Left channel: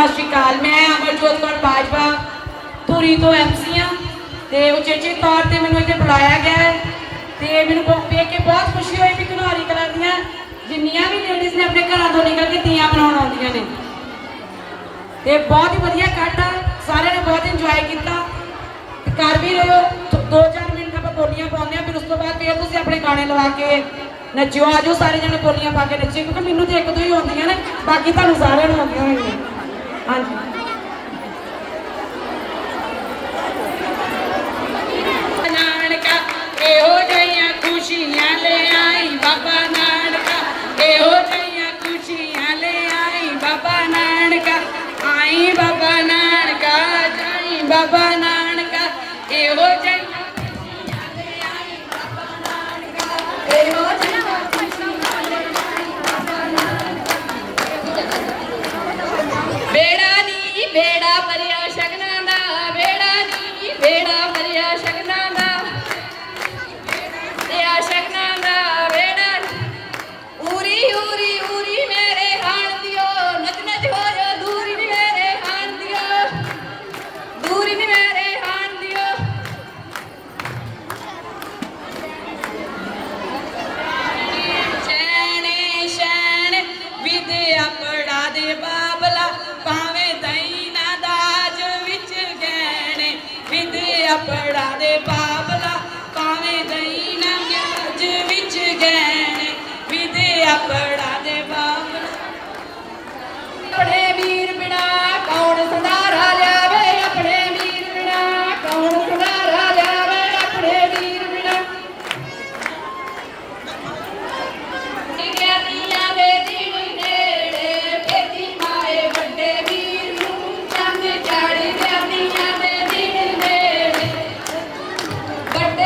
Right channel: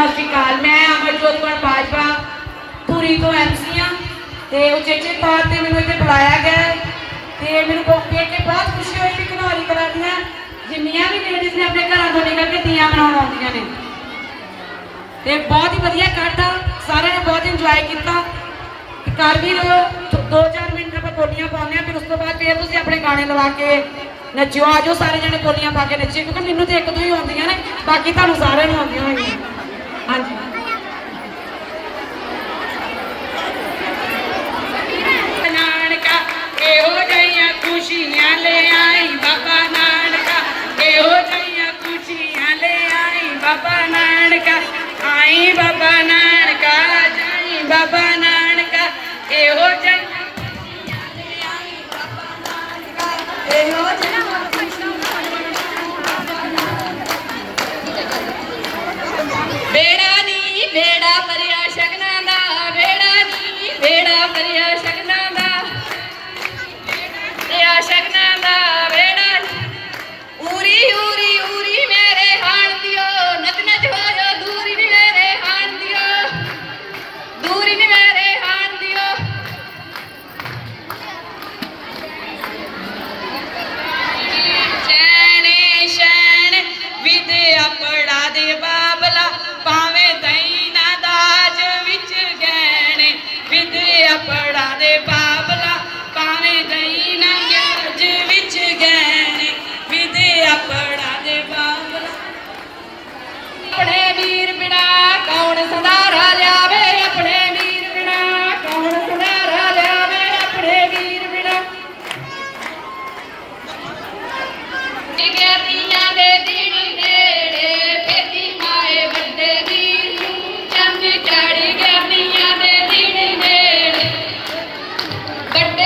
ਸਤਿ ਸ਼੍ਰੀ ਅਕਾਲ। ਮੈਂ ਅਮਰਜੋਤ ਕੌਰ ਬਾਜਵਾ, ਧੂਰੀ ਤੋਂ ਐਮਸੀ ਆ ਤੇ ਉਚੇਚੇ ਤੌਰ ਤੇ ਮੈਨੂੰ ਇੱਥੇ ਬੁਲਾਇਆ ਗਿਆ ਹੈ। ਤੇ ਮੈਨੂੰ ਬਹੁਤ ਦੇਖ ਕੇ ਬਹੁਤ ਖੁਸ਼ੀ ਹੋਈ ਕਿ ਘਨੌਰੀ ਕਲਾ ਦੀਆਂ ਜਿੰਨੀਆਂ ਵੀ ਲੇਡੀਜ਼ ਨੇ ਆਪਣੇ ਘਰਾਂ ਤੋਂ ਨਿਕਲ ਕੇ ਤੀਆਂ ਮਨਾਉਣ ਆਉਂਦੀਆਂ ਨੇ। ਤੇ ਬਹੁਤ ਹੀ ਵਧੀਆ ਇਕੱਠ ਆ। ਸਾਰਿਆਂ ਨੇ ਬਹੁਤ ਇੰਜੋਏ ਕੀਤਾ। ਤੇ ਕਰ ਵੀ ਰਹੇ ਦੋ- ਚਾਰ ਮਿੰਟ ਆਪਾਂ ਬੋਲੀਆਂ ਪਾਉਂਦੇ ਆ ਫਿਰ ਉਸ ਤੋਂ ਬਾਅਦ ਫਿਰ ਤੁਸੀਂ ਆਪਣੇ ਗਾਣੇ ਲਵਾ ਕੇ ਨੱਚਿਓ। ਆਜੋ ਸਾਰੇ ਜਣੇ ਬੋਲੀਆਂ ਪਾ ਕੇ ਨੱਚੇ ਕਿਉਂਕਿ ਮੈਨੂੰ ਤੇ ਇੱਕ ਦੋ ਹੀ ਆਉਂਦੀਆਂ ਨੇ, ਬਾਕੀ ਤੁਹਾਨੂੰ ਸਾਰਿਆਂ ਨੂੰ ਆਉਂਦੀਆਂ ਹੋਣਗੀਆਂ। ਹਾਂਜੀ। ਨਾਨਕਾ, ਇਹੋ ਜਿਹੀਆਂ ਖੁਸ਼ੀਆਂ ਲੈ ਆਈ ਬਾਬਾ ਨਾਨਕਾ। ਇਹੋ ਜਿਹੀਆਂ ਖੁਸ਼ੀਆਂ ਲੈ ਆਈ ਬਾਬਾ ਨਾਨਕਾ। ਆਈ ਬਾਬਾ ਨਾਨਕਾ, ਜਾਈ ਬਾਬਾ ਨਾਨਕਾ। ਇਹੋ ਜਿਹੀਆਂ ਖੁਸ਼ੀਆਂ ਲੈ ਆਈ ਬਾਬਾ ਨਾਨਕਾ। ਇਹੋ ਨੀ ਬੇੜਾ ਭਰਿਆ ਸ਼ਗਨਾਂ ਦਾ। ਭਰਿਆ ਸ਼ਗਨਾਂ ਦਾ ਬੇੜਾ ਉਰੀ ਉਰੀ ਉਰੀ ਮੇਰੇ ਹਾਣ ਦਿਓ। ਨਚ ਨਚ ਹੋ ਜੋ, ਦੂਰੀ ਨੀ ਮੇਰੇ ਹਾਣ ਦਿਓ। ਦੂਰੀ ਨੀ ਮੇਰੇ ਹਾਣ ਦਿਓ। ਸ਼ੈਣੇ ਸ਼ੈਣ ਵਿਦਿਆ ਪੜਾ ਦੇ ਬਾ But